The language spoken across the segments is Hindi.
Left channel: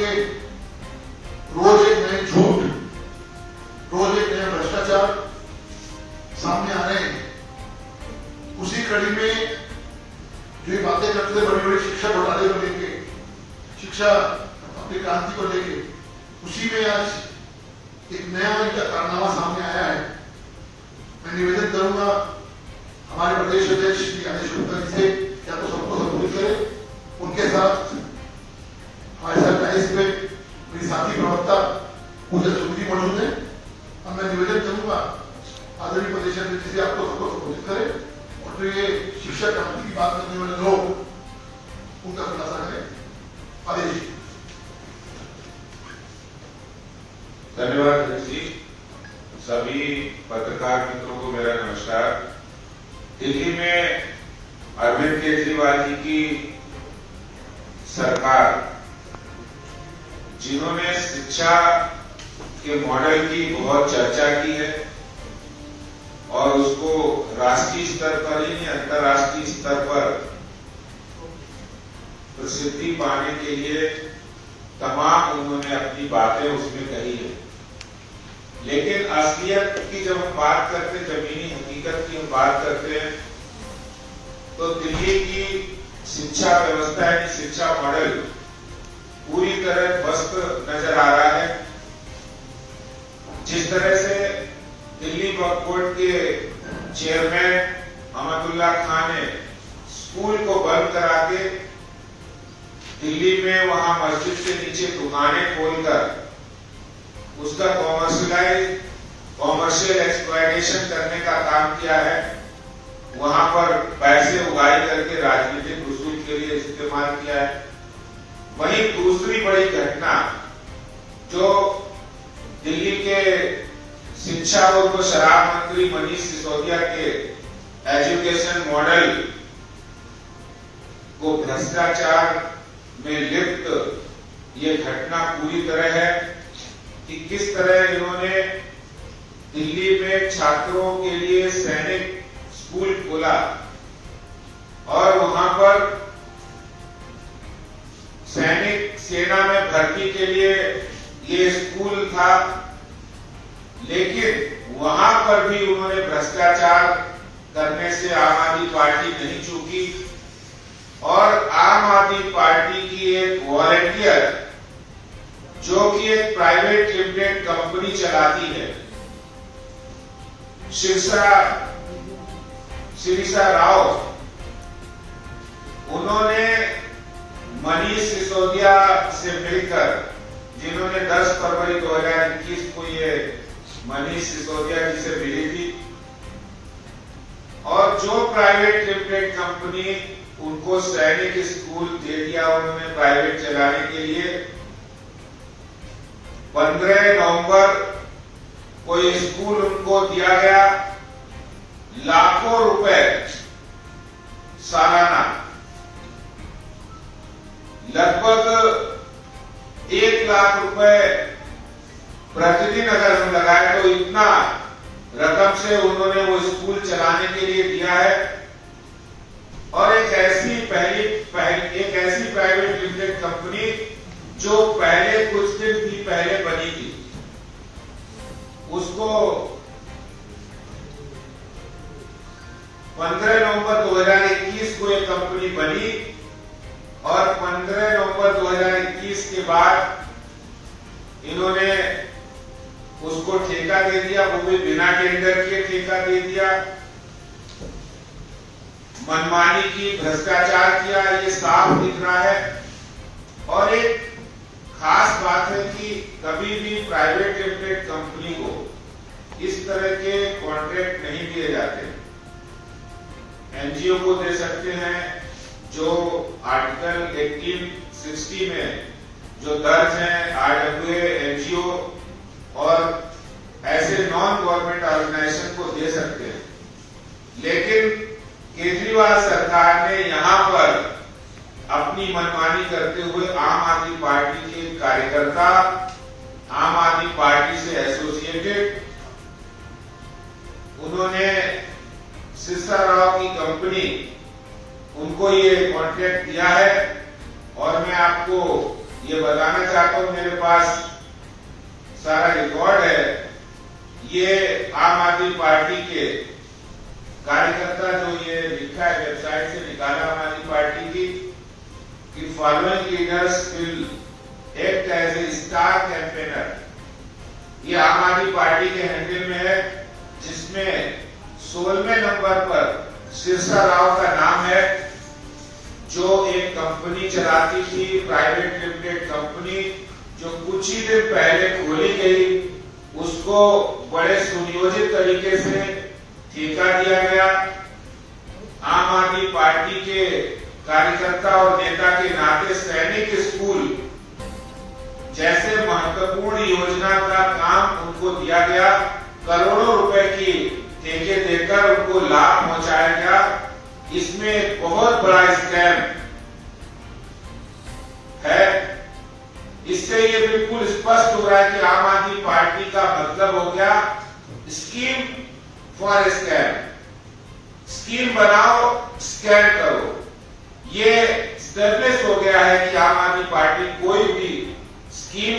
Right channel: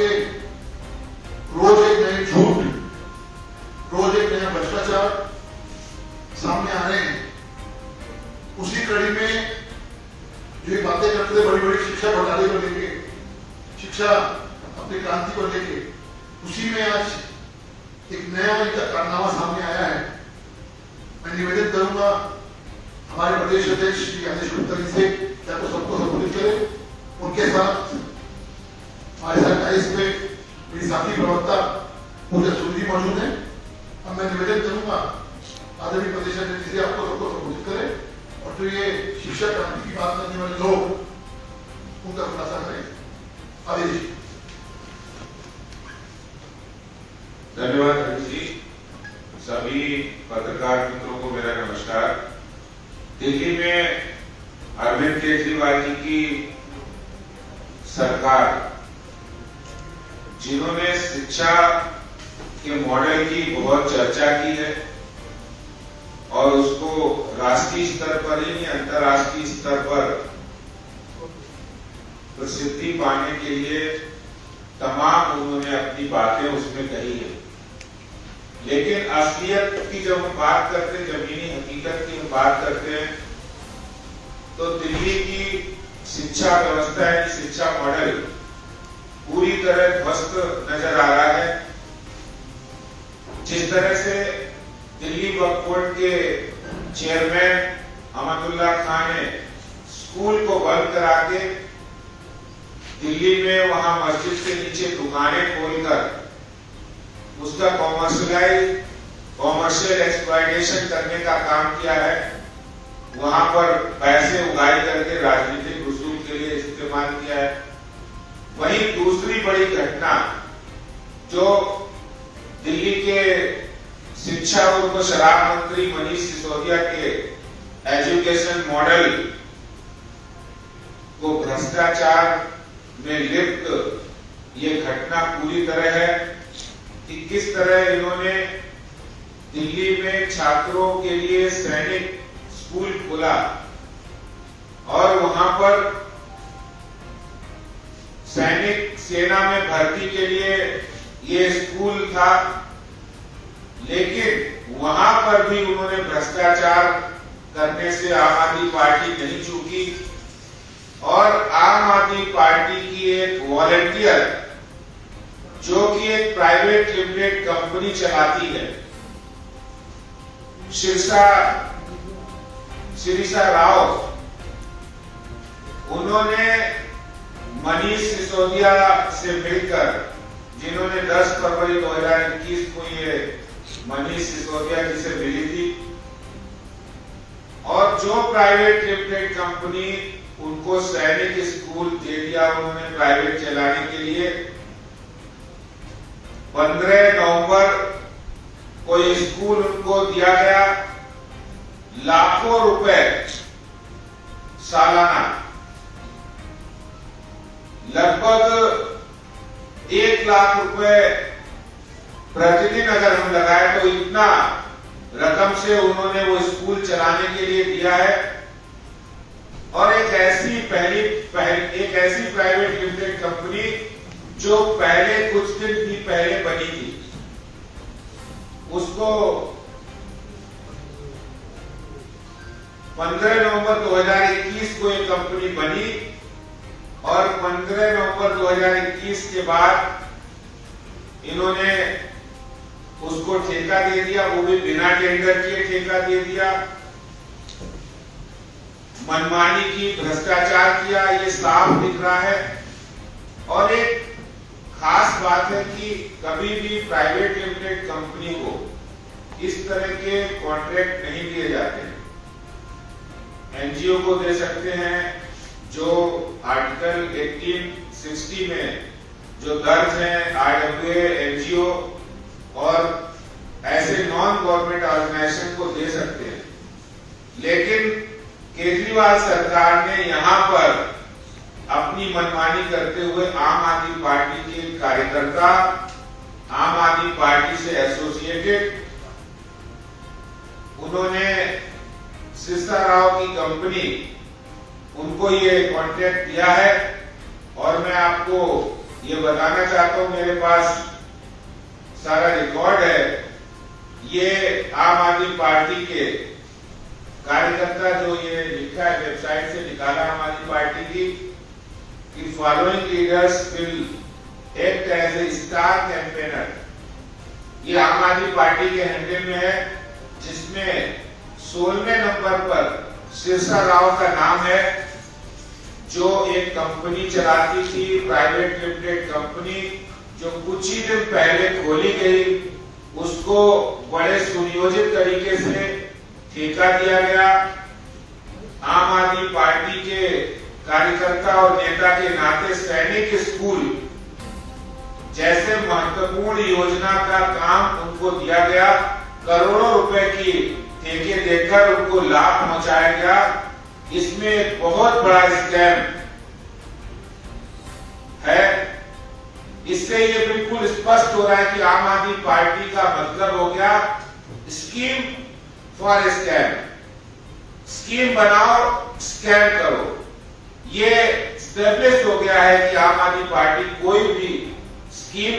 के रोज एक नए झूठ, रोज एक नया भ्रष्टाचार सामने आ रहे हैं। उसी कड़ी में जो ये बातें करते बड़ी बड़ी शिक्षा घोटाले को लेके, शिक्षा अपनी क्रांति को लेके, उसी में आज एक नया इनका कारनामा सामने आया है। मैं निवेदन करूंगा हमारे प्रदेश अध्यक्ष श्री गणेश गुप्ता जी से, या तो सबको संबोधित करें, उनके साथ हमारे साथ डाइस पे मेरी साथी प्रवक्ता पूजा चौधरी मौजूद है। अब मैं निवेदन करूंगा आदरणीय प्रदेश अध्यक्ष जी आपको सबको संबोधित करें और जो ये शिक्षा क्रांति की बात करने वाले लोग उनका खुलासा करें। आदेश। धन्यवाद जी। सभी पत्रकार मित्रों को मेरा नमस्कार। दिल्ली में अरविंद केजरीवाल जी की सरकार, जिन्होंने शिक्षा के मॉडल की बहुत चर्चा की है और उसको राष्ट्रीय स्तर पर ही अंतर्राष्ट्रीय स्तर पर प्रसिद्धि पाने के लिए तमाम उन्होंने अपनी बातें उसमें कही है। लेकिन असलियत की जब हम बात करते हैं, जमीनी हकीकत की हम बात करते हैं, तो दिल्ली की शिक्षा व्यवस्था है, शिक्षा मॉडल पूरी तरह ध्वस्त नजर आ रहा है। जिस तरह से दिल्ली वक्फ बोर्ड के चेयरमैन अहमदुल्ला खान ने स्कूल को बंद करा के दिल्ली में वहां मस्जिद के नीचे दुकानें खोलकर उसका कॉमर्शियल एक्सप्लॉयटेशन करने का काम किया है, वहां पर पैसे उगाई करके राजनीतिक वसूल के लिए इस्तेमाल किया है। वहीं दूसरी बड़ी घटना जो दिल्ली के शिक्षा और शराब मंत्री मनीष सिसोदिया के एजुकेशन मॉडल को भ्रष्टाचार में लिप्त ये घटना पूरी तरह है कि किस तरह इन्होंने दिल्ली में छात्रों के लिए सैनिक स्कूल खोला और वहां पर सैनिक सेना में भर्ती के लिए ये स्कूल था, लेकिन वहां पर भी उन्होंने भ्रष्टाचार करने से आम आदमी पार्टी नहीं चूकी और आम आदमी पार्टी की एक वॉलंटियर जो कि एक प्राइवेट लिमिटेड कंपनी चलाती है, शिरीषा राव, उन्होंने मनीष सिसोदिया से मिलकर, जिन्होंने 10 फरवरी 2021 को ये मनीष सिसोदिया जी से मिली थी और जो प्राइवेट लिमिटेड कंपनी उनको सैनिक स्कूल दे दिया उन्होंने प्राइवेट चलाने के लिए, 15 नवंबर को ये स्कूल उनको दिया गया, लाखों रुपए सालाना, लगभग 1 लाख रुपए प्रतिदिन अगर हम लगाए तो इतना रकम से उन्होंने वो स्कूल चलाने के लिए दिया है। और एक ऐसी प्राइवेट लिमिटेड कंपनी जो पहले कुछ दिन भी पहले बनी थी, उसको 15 नवंबर 2021 को ये कंपनी बनी और 15 नवंबर 2021 के बाद इन्होंने उसको ठेका दे दिया, वो भी बिना टेंडर किए ठेका दे दिया, मनमानी की, भ्रष्टाचार किया, ये साफ दिख रहा है। और एक खास बात है कि कभी भी प्राइवेट लिमिटेड कंपनी को इस तरह के कॉन्ट्रैक्ट नहीं दिए जाते। एनजीओ को दे सकते हैं, जो आर्टिकल 1860 में जो दर्ज है, आरडब्ल्यूए, एनजीओ और ऐसे नॉन गवर्नमेंट ऑर्गेनाइजेशन को दे सकते हैं। लेकिन केजरीवाल सरकार ने यहां पर अपनी मनमानी करते हुए आम आदमी पार्टी के कार्यकर्ता, आम आदमी पार्टी से एसोसिएटेड, उन्होंने शिरीषा राव की कंपनी, उनको ये कॉन्ट्रैक्ट दिया है। और मैं आपको ये बताना चाहता हूं, मेरे पास सारा रिकॉर्ड है। ये आम आदमी पार्टी के कार्यकर्ता जो ये लिखा है, वेबसाइट से निकाला आम आदमी पार्टी की, कि following leaders will act as a star campaigner. ये आम आदमी पार्टी के हैंडल में है, जिसमें 16वें नंबर पर शीर्षा राव का नाम है, जो एक कंपनी चलाती थी, प्राइवेट लिमिटेड कंपनी, जो कुछ ही दिन पहले खोली गई। उसको बड़े सुनियोजित तरीके से ठेका दिया गया। आम आदमी पार्टी के कार्यकर्ता और नेता के नाते सैनिक स्कूल जैसे महत्वपूर्ण योजना का काम उनको दिया गया। करोड़ों रुपए की ठेके देकर उनको लाभ पहुंचाया गया। इसमें एक बहुत बड़ा स्कैम है। इससे ये बिल्कुल स्पष्ट हो रहा है कि आम आदमी पार्टी का मतलब हो गया स्कीम फॉर स्कैम। स्कीम बनाओ, स्कैम करो। ये स्टेब्लिश हो गया है कि आम आदमी पार्टी कोई भी स्कीम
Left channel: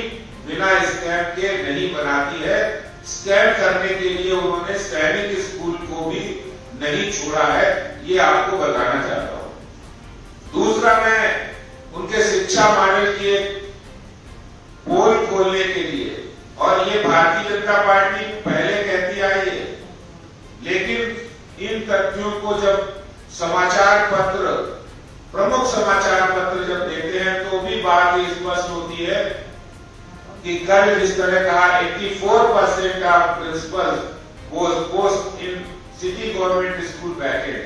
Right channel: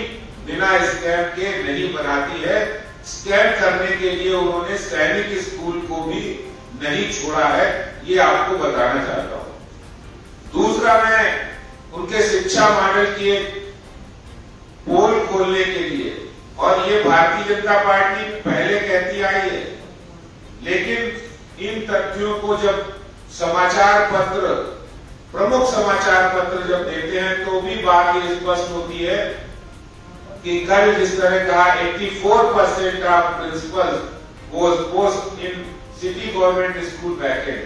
बिना स्कैम के नहीं बनाती है। स्कैम करने के लिए उन्होंने सैनिक स्कूल को भी नहीं छोड़ा है, ये आपको बताना चाहता हूं। दूसरा, मैं उनके शिक्षा मॉडल की एक पोल खोलने के लिए, और ये भारतीय जनता पार्टी पहले कहती आई है, लेकिन इन तथ्यों को जब समाचार पत्र, प्रमुख समाचार पत्र जब देते हैं तो भी बात ये स्पष्ट होती है कि कल जिस तरह कहा 84% of principal was post in city government school bracket.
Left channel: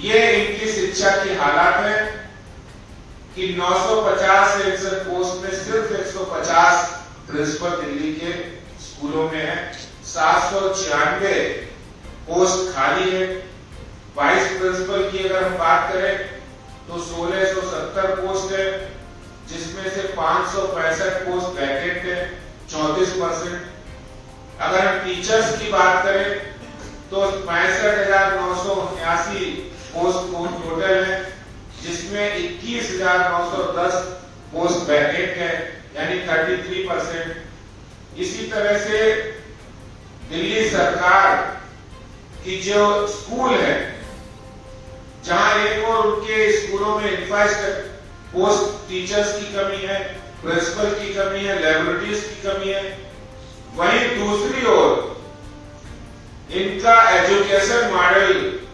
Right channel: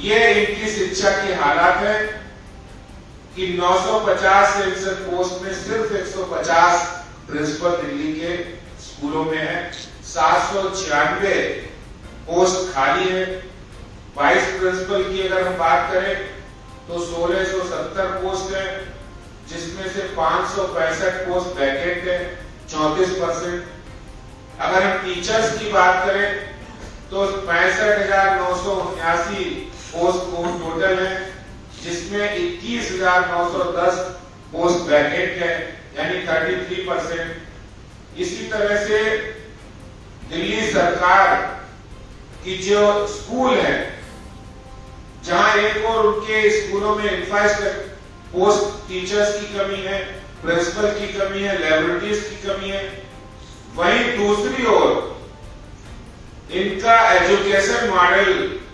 ये इनकी शिक्षा की हालात है कि 950 सेंसर पोस्ट में सिर्फ 150 प्रिंसिपल दिल्ली के स्कूलों में है। 796 पोस्ट खाली है। वाइस प्रिंसिपल की अगर हम बात करें तो 1670 पोस्ट है, जिसमें से 565 पोस्ट वैकेंट है, 34%। अगर हम टीचर्स की बात करें तो 65,979 पोस्ट टोटल है, जिसमें 21,910 पोस्ट वैकेंट है, यानी 33%। इसी तरह से दिल्ली सरकार की जो स्कूल है, जहां एक और उनके स्कूलों में इंफ्रास्ट्रक्चर, पोस्ट टीचर्स की कमी है, प्रिंसिपल की कमी है, लैबोरेटरीज की कमी है, वहीं दूसरी ओर इनका एजुकेशन मॉडल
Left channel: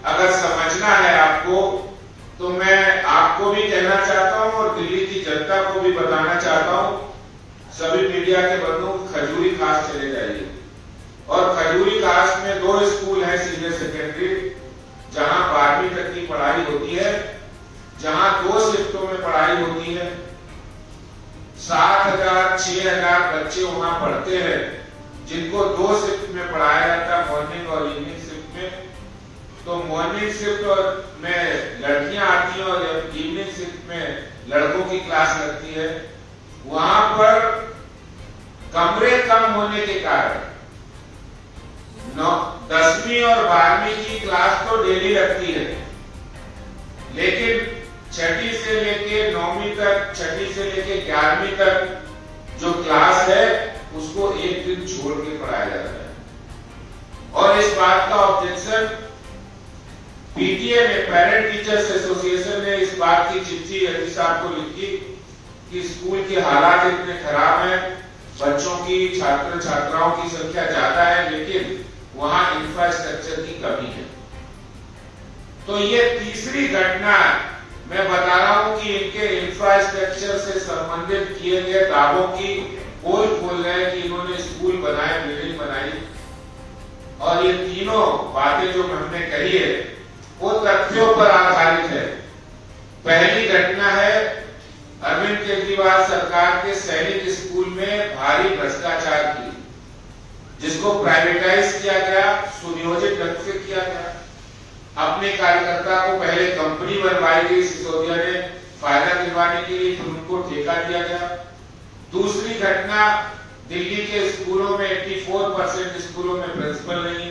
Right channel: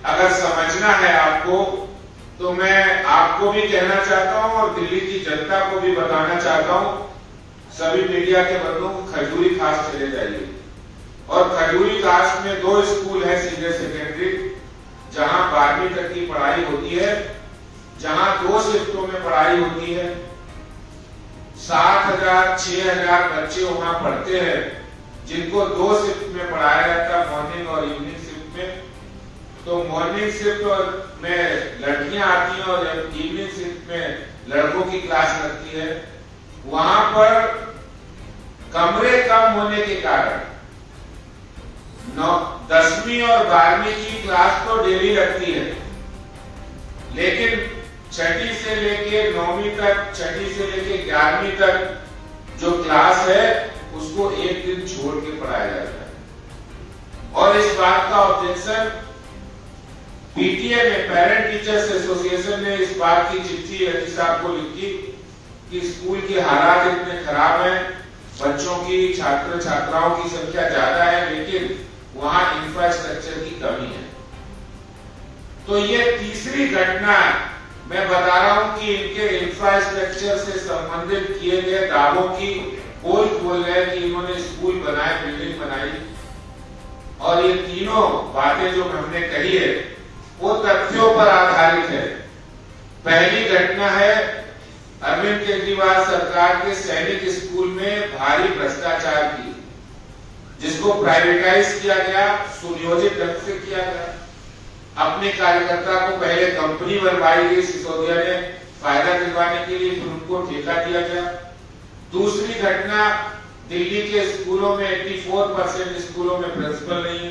अगर समझना है आपको, तो मैं आपको भी कहना चाहता हूं और दिल्ली की जनता को भी बताना चाहता हूं, सभी मीडिया के प्रमुख खजूरी खास चले जाइए। और खजूरी खास में 2 स्कूल है सीनियर सेकेंडरी, जहां 12वीं तक की पढ़ाई होती है, जहां 2 शिफ्टों में पढ़ाई होती है। 7,000 6,000 बच्चे वहां पढ़ते हैं, जिनको 2 शिफ्ट में पढ़ाया जाता है, मॉर्निंग और इवनिंग शिफ्ट में। तो मॉर्निंग शिफ्ट में लड़कियां आती हैं और इवनिंग शिफ्ट में लड़कों की क्लास लगती है। वहां पर कमरे कम होने के कारण 10वीं और 12वीं की क्लास तो डेली लगती है, लेकिन 6ठी से लेके 9वीं तक, 6ठी से लेके 11वीं तक जो क्लास है उसको एक दिन छोड़ के पढ़ाया जाता है। और इस बात का ऑब्जेक्शन पीटीए ने, पेरेंट टीचर्स एसोसिएशन ने इस बात की चिट्ठी रजी साहब को लिखी कि स्कूल के हालात इतने खराब हैं, बच्चों की, छात्र छात्राओं की संख्या ज्यादा है, लेकिन वहां इंफ्रास्ट्रक्चर की कमी है। तो ये तीसरी घटना मैं बता रहा हूं कि इनके इंफ्रास्ट्रक्चर से संबंधित किए गए दावों की पोल खोल रहे हैं कि इन्होंने स्कूल बनाए, बिल्डिंग बनाई, और ये तीनों बातें जो हमने कही है वो तथ्यों पर आधारित है। पहली घटना है अरविंद केजरीवाल सरकार के सैनिक स्कूल में भारी भ्रष्टाचार की, जिसको प्राइवेटाइज किया गया, सुनियोजित ढंग से किया गया। अपने कार्यकर्ता को पहले कंपनी बनवाई गई सिसोदिया ने फायदा दिलवाने के लिए, फिर उनको ठेका दिया गया। दूसरी घटना, दिल्ली के स्कूलों में 84% स्कूलों में प्रिंसिपल नहीं है,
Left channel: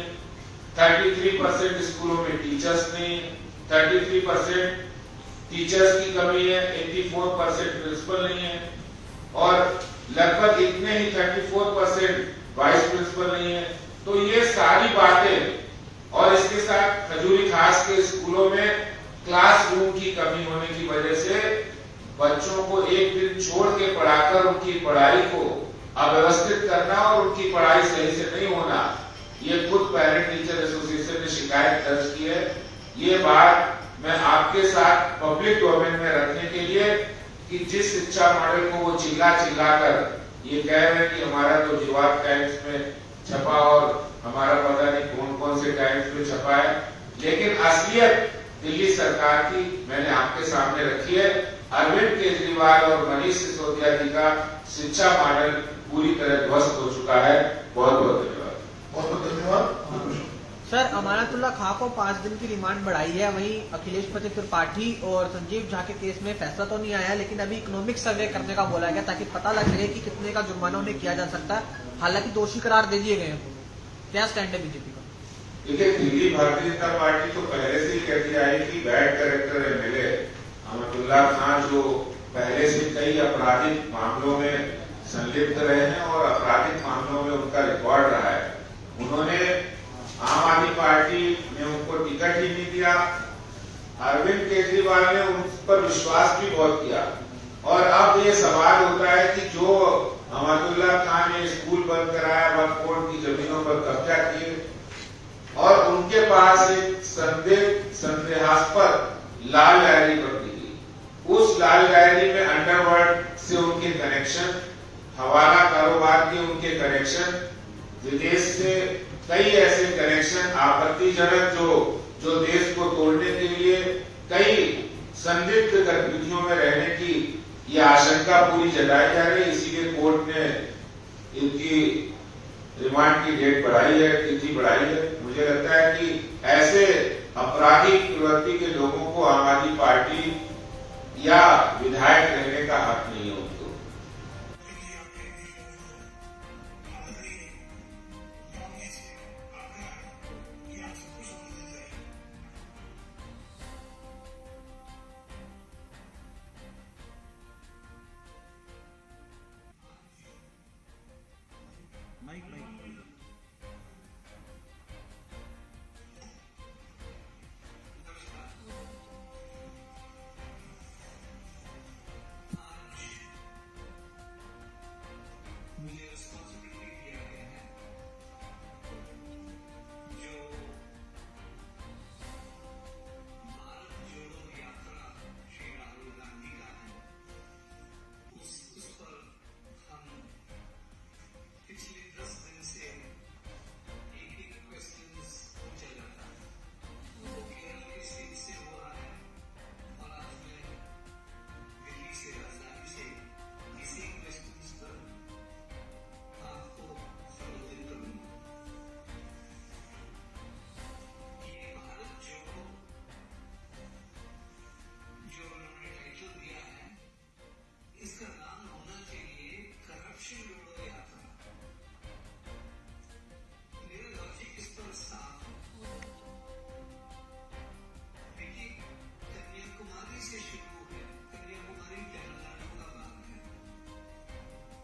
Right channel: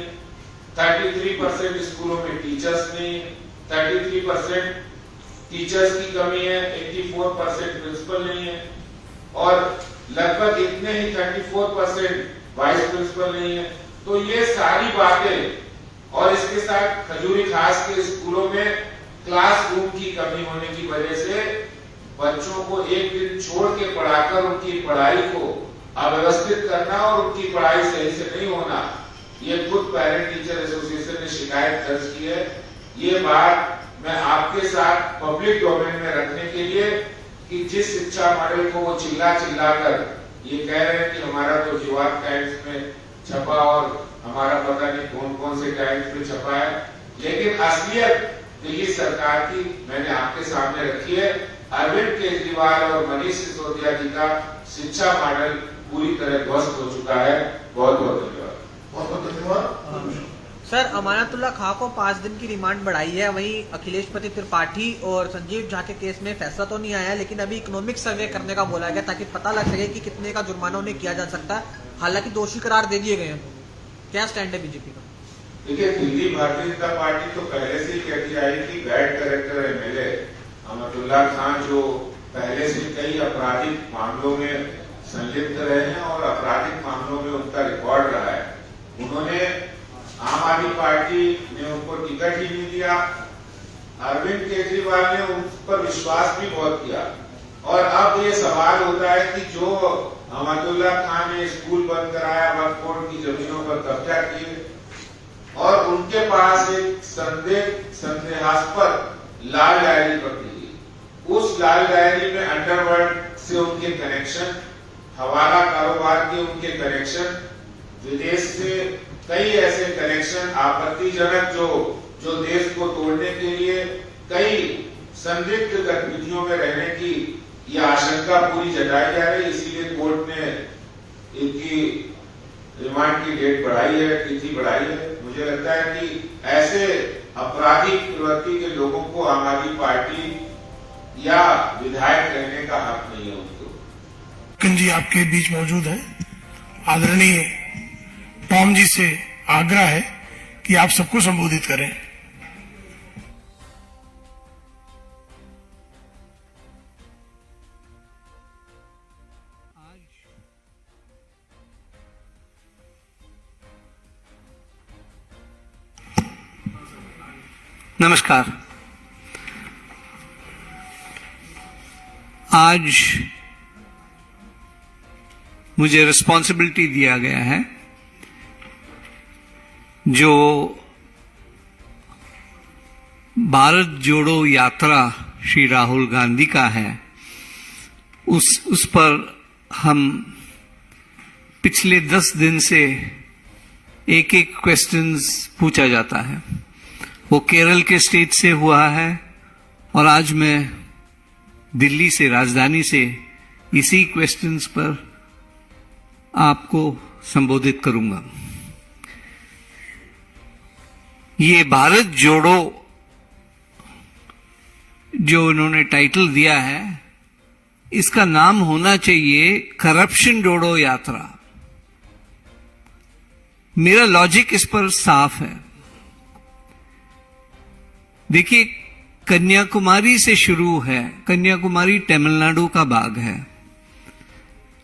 33% स्कूलों में टीचर्स नहीं है, 33% टीचर्स की कमी है, 84% प्रिंसिपल नहीं है और लगभग इतने ही 34% वाइस प्रिंसिपल नहीं है। तो ये सारी बातें और इसके साथ खजूरी खास के स्कूलों में क्लासरूम की कमी होने की वजह से बच्चों को एक दिन छोड़ के पढ़ाकर उनकी पढ़ाई को अव्यवस्थित करना और उनकी पढ़ाई सही से नहीं होना, ये खुद पेरेंट टीचर एसोसिएशन ने शिकायत दर्ज की है। ये बात मैं आपके साथ पब्लिक डोमेन में रखने के लिए कि जिस शिक्षा मॉडल को वो चिल्ला कर ये कह रहे हैं कि हमारा तो युवात टाइम्स में छपा और हमारा पता नहीं कौन कौन से टाइम्स में छपा है, लेकिन असलियत दिल्ली सरकार की मैंने आपके सामने रखी है। अरविंद केजरीवाल और मनीष सिसोदिया जी का शिक्षा मॉडल पूरी तरह ध्वस्त हो चुका है। बहुत बहुत धन्यवाद। बहुत बहुत धन्यवाद। सर, अमानतुल्लाह खां को 5 दिन की रिमांड बढ़ाई है, वहीं अखिलेश पति त्रिपाठी और संजीव झा के केस में फैसला तो नहीं आया है, लेकिन अभी इकोनॉमिक सर्वे करने का बोला गया ताकि पता लग सके कि कितने का जुर्माना उन्हें किया जा सकता है। हालांकि दोषी करार दे दिए गए हैं। क्या स्टैंड है बीजेपी का? देखिए, दिल्ली भारतीय जनता पार्टी तो पहले से ही कहती आई कि बैड कैरेक्टर एमएलए अमानतुल्लाह खां जो पहले से कई आपराधिक मामलों में संलिप्त रहे हैं और आपराधिक मामलों में उनका रिकॉर्ड रहा है, उन्होंने आम आदमी पार्टी ने उनको टिकट ही नहीं दिया। अरविंद केजरीवाल ने उन पर विश्वास भी बहुत किया और अब ये सवाल होता है कि जो अमानतुल्लाह खां ने स्कूल बंद कराया, वक्फ बोर्ड की जमीनों पर कब्जा किए और उनके पास एक संदेहास्पद लाल डायरी पकड़ी गई। उस लाल डायरी में अंडरवर्ल्ड से उनके कनेक्शन, हवाला कारोबार के उनके कनेक्शन, विदेश से कई ऐसे कनेक्शन आपत्तिजनक जो देश को तोड़ने के लिए कई संदिग्ध गतिविधियों में रहने की ये आशंका पूरी जताई जा रही है। इसीलिए कोर्ट ने इनकी रिमांड की डेट बढ़ाई है, तिथि बढ़ाई है। मुझे लगता है कि ऐसे आपराधिक प्रवृत्ति के लोगों को आम आदमी पार्टी या विधायक रहने का हक नहीं है उनको। जी आपके बीच मौजूद है। आदरणीय टॉम जी से आग्रह है कि आप सबको संबोधित करें। नमस्कार। आज मुझे रिस्पॉन्सिबिलिटी दिया गया है जो भारत जोड़ो यात्रा श्री राहुल गांधी का है, उस पर हम पिछले 10 दिन से एक क्वेश्चंस पूछा जाता है। वो केरल के स्टेट से हुआ है और आज मैं दिल्ली से, राजधानी से इसी क्वेश्चंस पर आपको संबोधित करूंगा। ये भारत जोड़ो जो इन्होंने टाइटल दिया है, इसका नाम होना चाहिए करप्शन जोड़ो यात्रा। मेरा लॉजिक इस पर साफ है। देखिए, कन्याकुमारी से शुरू है। कन्याकुमारी तमिलनाडु का भाग है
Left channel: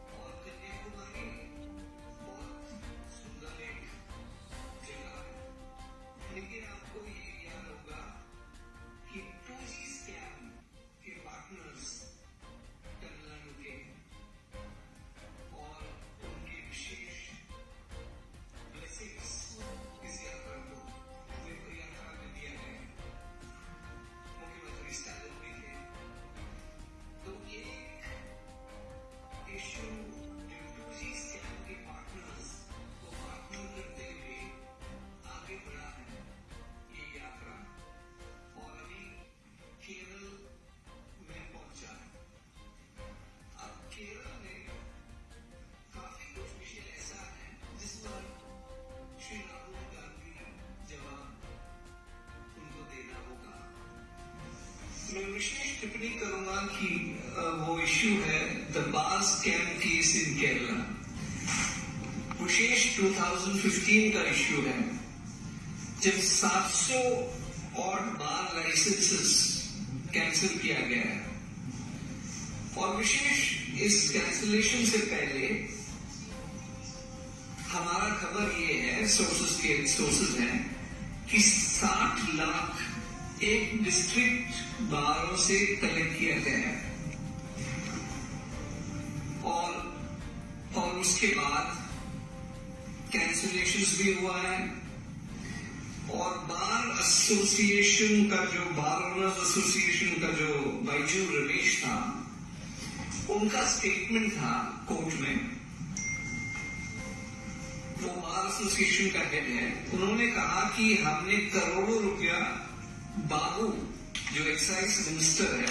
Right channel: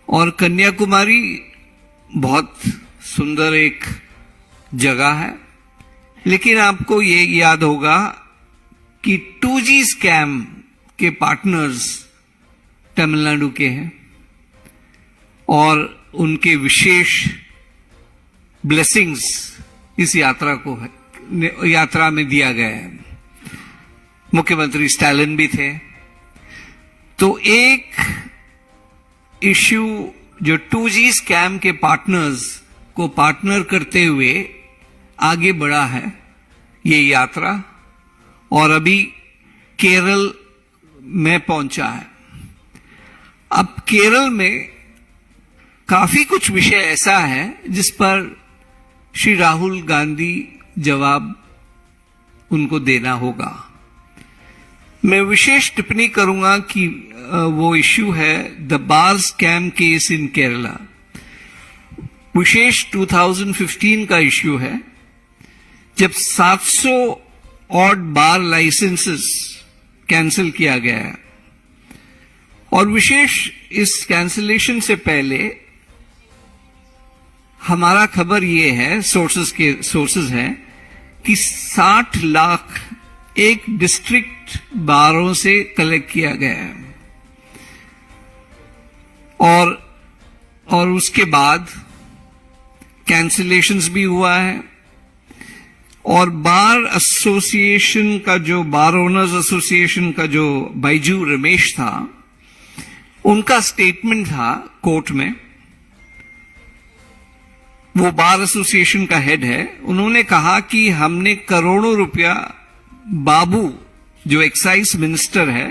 और कन्याकुमारी बहुत सुंदर एक जगह है, लेकिन आपको ये याद होगा कि 2G स्कैम के पार्टनर्स तमिलनाडु के हैं और उनके विशेष ब्लेसिंग्स इस यात्रा में दिया गया है। मुख्यमंत्री स्टालिन भी थे। तो एक इश्यू जो 2G स्कैम के पार्टनर्स को पार्टनर करते हुए आगे बढ़ा है ये यात्रा, और अभी केरल में पहुंचा है। अब केरल में काफी कुछ विषय ऐसा है जिस पर श्री राहुल गांधी जवाब उनको देना होगा। मैं विशेष टिप्पणी करूंगा कि वो इश्यू है the bar scam case in Kerala. विशेष 2015 का इश्यू है, जब 700 ऑड बार लाइसेंसेस कैंसिल किया गया है। और विशेष इस कैंसिलेशन से पहले हमारा खबर ये है, सोर्सेज हैं कि 60 लाख एक डिस्ट्रिक्ट बारों से कलेक्ट किया गया है। और उसके बाद कैंसिलेशंस भी हुआ है। और बार एसोसिएशन का जो बार ओनर्स एसोसिएशन का जो बैजू रमेश था, उनका स्टेटमेंट था कोर्ट में, वो बार एसोसिएशन का हेड है, उन्होंने कहा कि हमने करोड़ों रुपया बाबू जो एक्साइज मिनिस्टर है,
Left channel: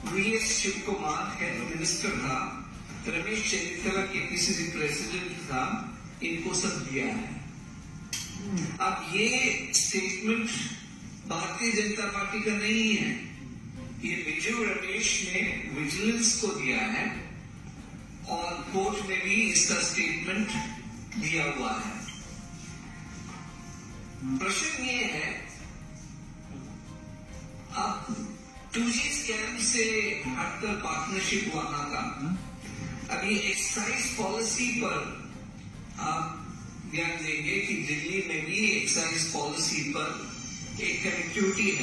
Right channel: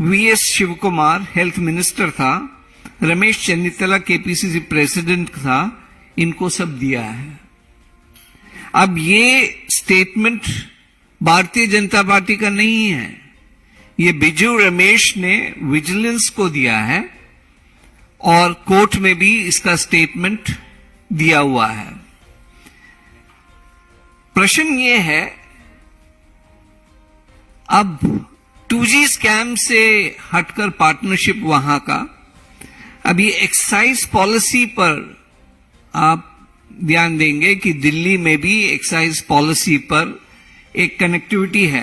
वीएस शिवकुमार हेल्थ मिनिस्टर था, रमेश चन्नीतला केपीसीसी प्रेसिडेंट था, इनको सब दिया है। अब ये स्टेटमेंट भारतीय जनता पार्टी का नहीं है, ये बिजू रमेश ने विजिलेंस को दिया है और कोर्ट में भी इसका स्टेटमेंट दिया हुआ है। प्रश्न ये है, अब 2G स्कैम से हटकर पार्टनरशिप वहां का, अब ये एक्साइज पॉलिसी पर आप ध्यान देंगे कि दिल्ली में भी एक्साइज पॉलिसी पर एक कनेक्टिविटी है।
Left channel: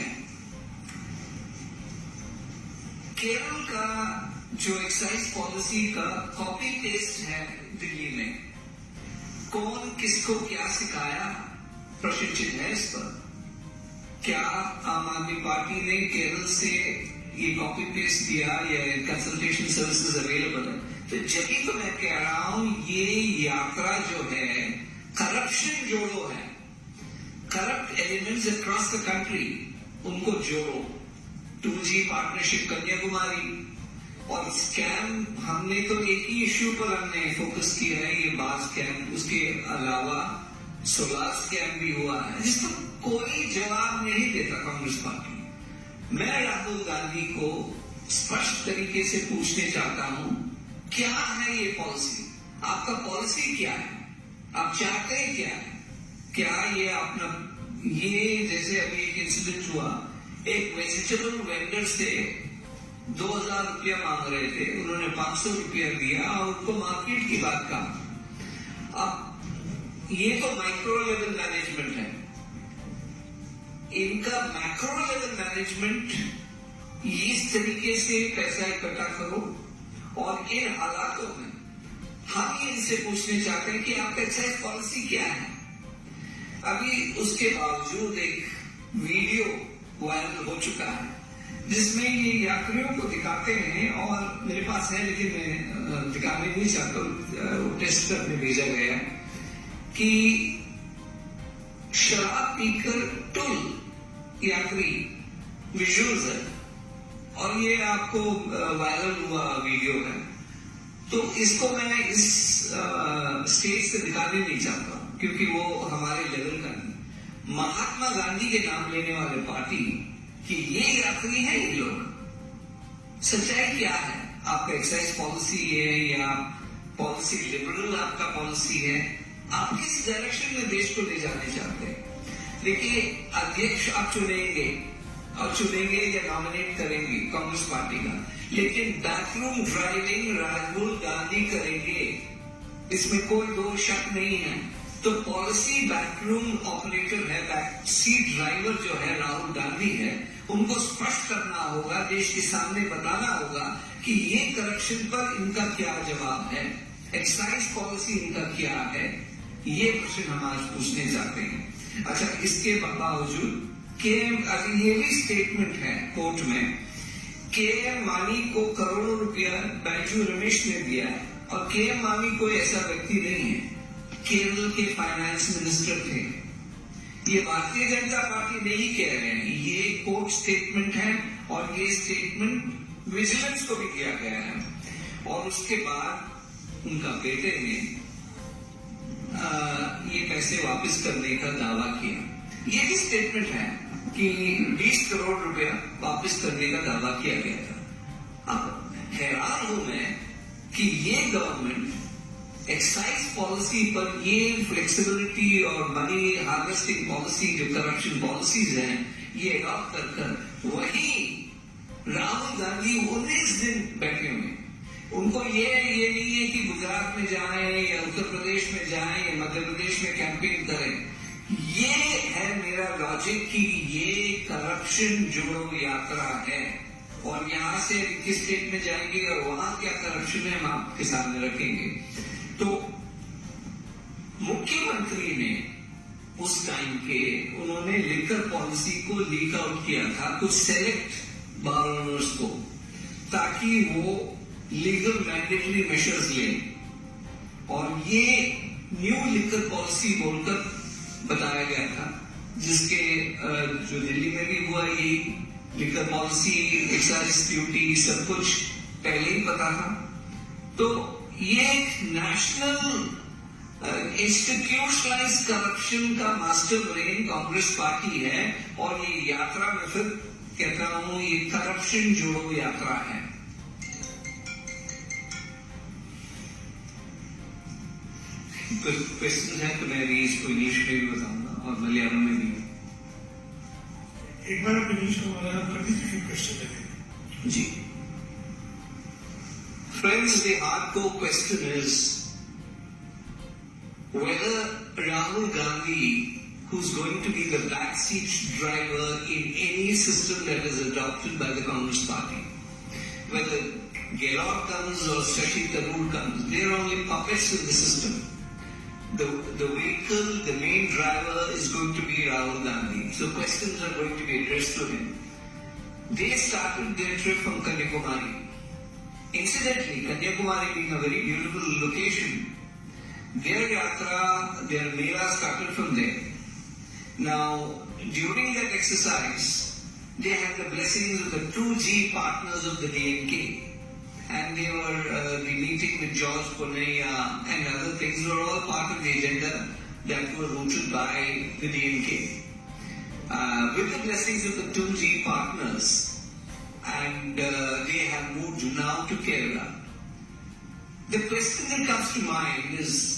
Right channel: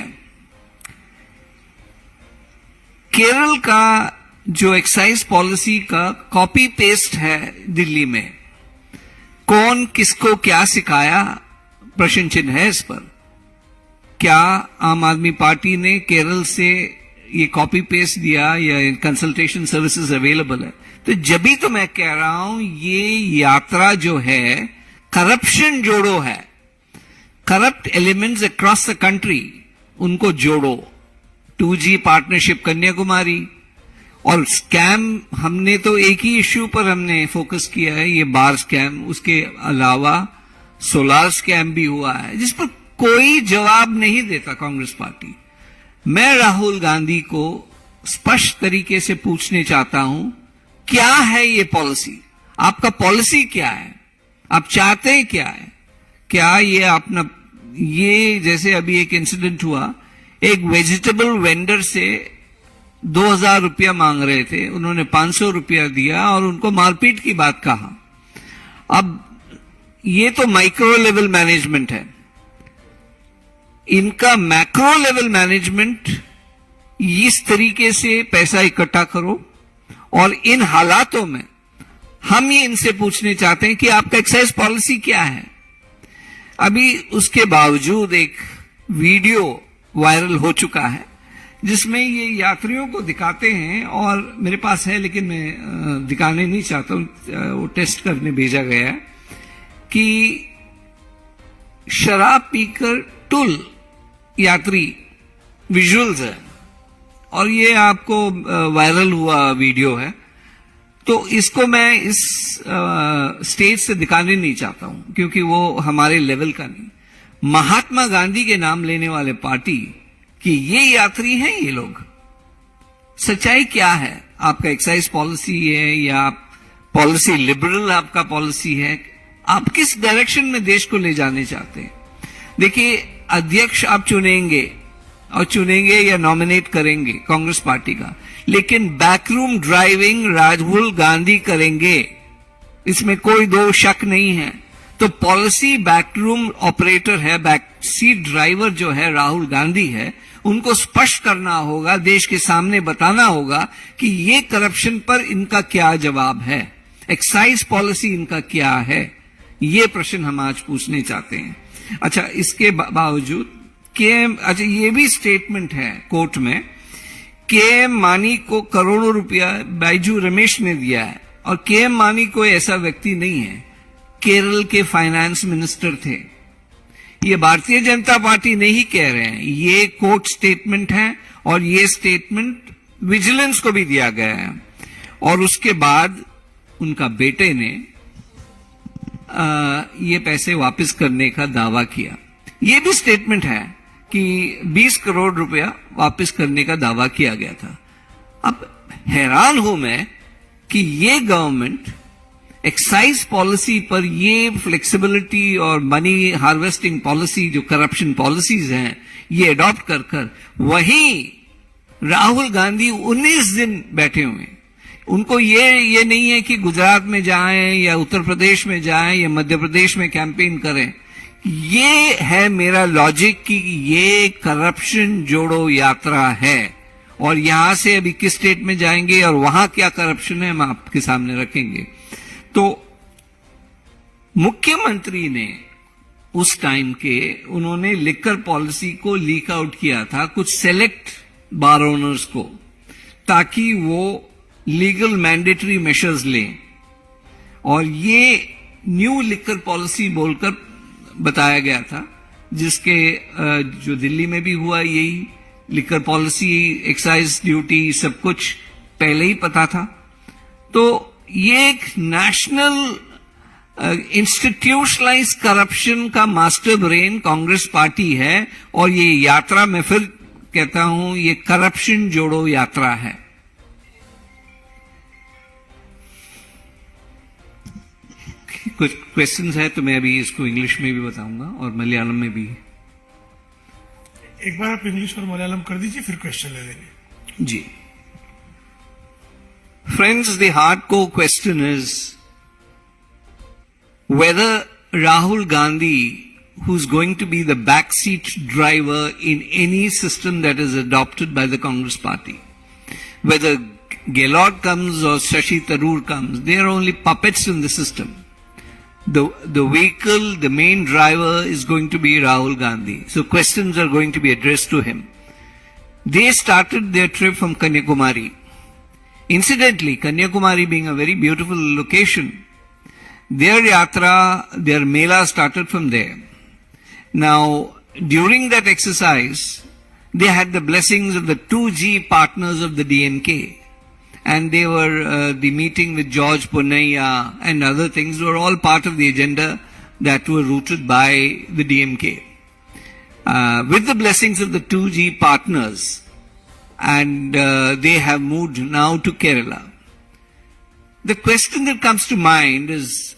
केरल का जो एक्साइज पॉलिसी का कॉपी पेस्ट है दिल्ली में, कौन किसको क्या सिखाया, प्रश्न चिन्ह है इस पर। क्या आम आदमी पार्टी ने केरल से ये कॉपी पेस्ट दिया या कंसल्टेशन सर्विसेज अवेलेबल है? तो जब तो मैं कह रहा हूं ये यात्रा जो है करप्शन जोड़ो है, corrupt elements across the country उनको जोड़ो। 2G पार्टनरशिप कन्याकुमारी और स्कैम, हमने तो एक ही इश्यू पर हमने फोकस किया है, ये बार स्कैम, उसके अलावा सोलार स्कैम भी हुआ है जिस पर कोई जवाब नहीं देता कांग्रेस पार्टी। मैं राहुल गांधी को स्पष्ट तरीके से पूछने चाहता हूं, क्या है ये पॉलिसी? आपका पॉलिसी क्या है? आप चाहते हैं क्या है? क्या ये अपना, ये जैसे अभी एक इंसिडेंट हुआ, एक वेजिटेबल वेंडर से 2000 रुपया मांग रहे थे, उन्होंने 500 रुपया दिया और उनको मारपीट की बात कहा। अब ये तो माइक्रो लेवल मैनेजमेंट है, इनका मैक्रो लेवल मैनेजमेंट, इस तरीके से पैसा इकट्ठा करो। और इन हालातों में हम ये इनसे पूछने चाहते हैं कि आपका एक्साइज पॉलिसी क्या है? अभी उसके बावजूद एक वीडियो वायरल हो चुका है जिसमें ये यात्रियों को दिखाते हैं, और मेरे पास है लेकिन मैं दिखाने नहीं चाहता, वो टेस्ट करने भेजा गया है, कि शराब पीकर टुल यात्री विजुअल्स है, और ये आपको वायरल हुआ वीडियो है। तो इसको मैं इस स्टेज से दिखाने नहीं चाहता हूं क्योंकि वो हमारे लेवल का नहीं। महात्मा गांधी के नाम लेने वाले पार्टी कि ये यात्री हैं ये लोग, सच्चाई क्या है? आपका एक्साइज पॉलिसी है या पॉलिसी लिबरल आपका पॉलिसी है? आप किस डायरेक्शन में देश को ले जाने चाहते हैं? देखिए, अध्यक्ष आप चुनेंगे और चुनेंगे या नॉमिनेट करेंगे कांग्रेस पार्टी का, लेकिन बैकरूम ड्राइविंग राहुल गांधी करेंगे, इसमें कोई दो शक नहीं है। तो पॉलिसी बैकरूम ऑपरेटर है, बैक सीट ड्राइवर जो है राहुल गांधी है, उनको स्पष्ट करना होगा, देश के सामने बताना होगा कि ये करप्शन पर इनका क्या जवाब है, एक्साइज पॉलिसी इनका क्या है। ये प्रश्न हम आज पूछने चाहते हैं। अच्छा, इसके बावजूद अच्छा ये भी स्टेटमेंट है कोर्ट में, केएम मानी को करोड़ों रुपया बैजू रमेश ने दिया है, और केएम मानी कोई ऐसा व्यक्ति नहीं है, केरल के फाइनेंस मिनिस्टर थे। ये भारतीय जनता पार्टी नहीं कह रहे हैं, ये कोर्ट स्टेटमेंट है, और ये स्टेटमेंट विजिलेंस को भी दिया गया है। और उसके बाद उनका बेटे ने ये पैसे वापस करने का दावा किया। ये भी स्टेटमेंट है कि 20 करोड़ रुपया वापस करने का दावा किया गया था। अब हैरान हूं मैं कि ये गवर्नमेंट एक्साइज पॉलिसी पर ये फ्लेक्सिबिलिटी और मनी हार्वेस्टिंग पॉलिसी, जो करप्शन पॉलिसीज हैं, ये अडॉप्ट कर वहीं राहुल गांधी 19 दिन बैठे हुए हैं। उनको ये नहीं है कि गुजरात में जाएं या उत्तर प्रदेश में जाएं या मध्य प्रदेश में कैंपेन करें। ये है मेरा लॉजिक कि ये करप्शन जोड़ो यात्रा है, और यहां से अभी किस स्टेट में जाएंगे और वहां क्या करप्शन है हम आपके सामने रखेंगे। तो मुख्यमंत्री ने उस टाइम के उन्होंने लिकर पॉलिसी को लीक आउट किया था कुछ सेलेक्ट बार ओनर्स को, ताकि वो लीगल मैंडेटरी मेजर्स लें, और ये न्यू लिकर पॉलिसी बोलकर बताया गया था, जिसके जो दिल्ली में भी हुआ यही लिकर पॉलिसी, एक्साइज ड्यूटी सब कुछ पहले ही पता था। तो ये एक नेशनल इंस्टीट्यूशनलाइज करप्शन का मास्टर ब्रेन कांग्रेस पार्टी है, और ये यात्रा मैं फिर कहता हूं ये करप्शन जोड़ो यात्रा है। कुछ क्वेश्चंस है तो मैं अभी इसको इंग्लिश में भी बताऊंगा और मलयालम में भी। एक बार आप इंग्लिश और मलयालम कर दीजिए, फिर क्वेश्चन ले लेंगे। जी। Friends, the hardcore question is whether Rahul Gandhi, who's going to be the backseat driver in any system that is adopted by the Congress party, whether Gehlot comes or Shashi Tharoor comes, they are only puppets in the system. The vehicle, the main driver is going to be Rahul Gandhi. So questions are going to be addressed to him. They started their trip from Kanyakumari. Incidentally, Kanyakumari being a very beautiful location, their yatra, their mela started from there. Now, during that exercise, they had the blessings of the 2G partners of the DMK. And they were, the meeting with George Ponnaiya and other things were all part of the agenda that were rooted by the DMK. With the blessings of the 2G partners, and they have moved now to Kerala. The question that comes to mind is,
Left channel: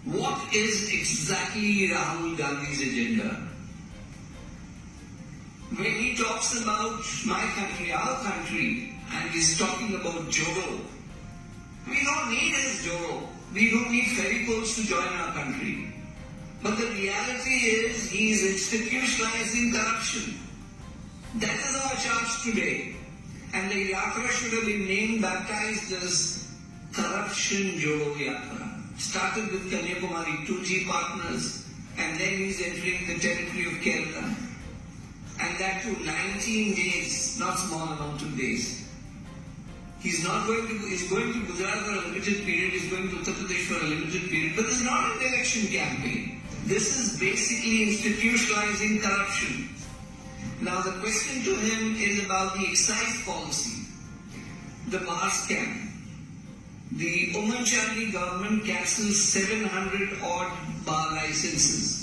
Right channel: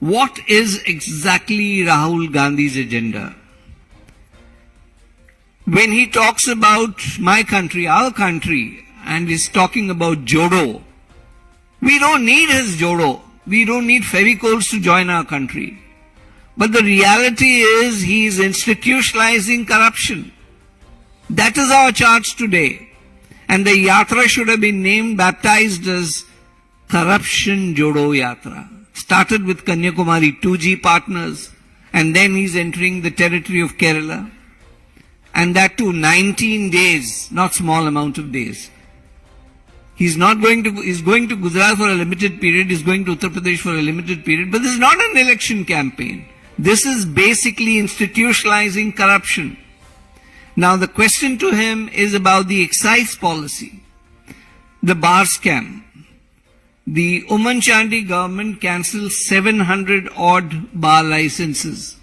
what is exactly Rahul Gandhi's agenda? When he talks about my country, our country, and is talking about Jodo, we don't need his Jodo. We don't need Fevicols to join our country. But the reality is he is institutionalizing corruption. That is our charge today. And the yatra should have been named, baptized as Corruption Jodo Yatra. Started with Kanyakumari 2G partners, and then he's entering the territory of Kerala. And that too 19 days, not small amount of days. He's going to Gujarat for a limited period, he's going to Uttar Pradesh for a limited period, but this is not an election campaign. This is basically institutionalizing corruption. Now the question to him is about the excise policy, the bar scam. The Oman Chandy government cancelled 700 odd bar licenses.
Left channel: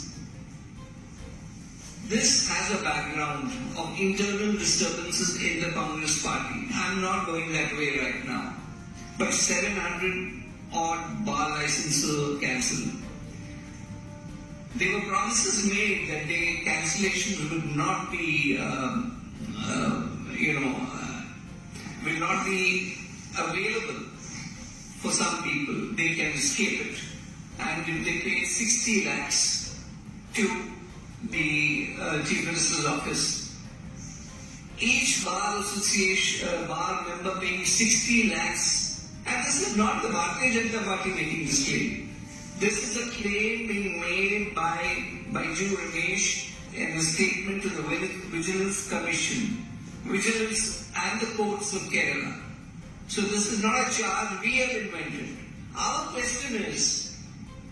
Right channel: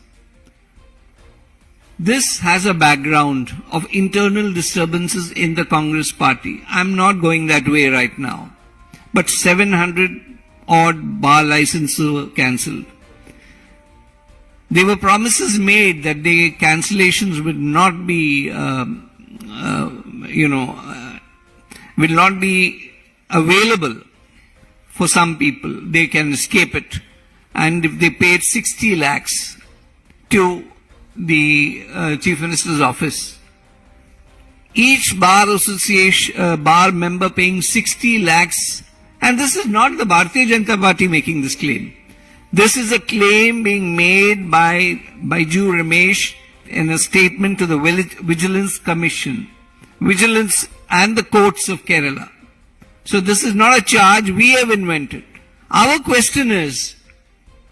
This has a background of internal disturbances in the Congress party. I'm not going that way right now. But 700 odd bar licenses were cancelled. There were promises made that the cancellations would not be, will not be available for some people. They can escape it. And if they paid 60 lakhs to the Chief Minister's office, each bar association, bar member paying 60 lakhs, and this is not the Bharatiya Janata Party making this claim. This is a claim being made by Baiju Ramesh in a statement to the Vigilance Commission, Vigilance and the courts of Kerala. So this is not a charge we have invented. Our question is,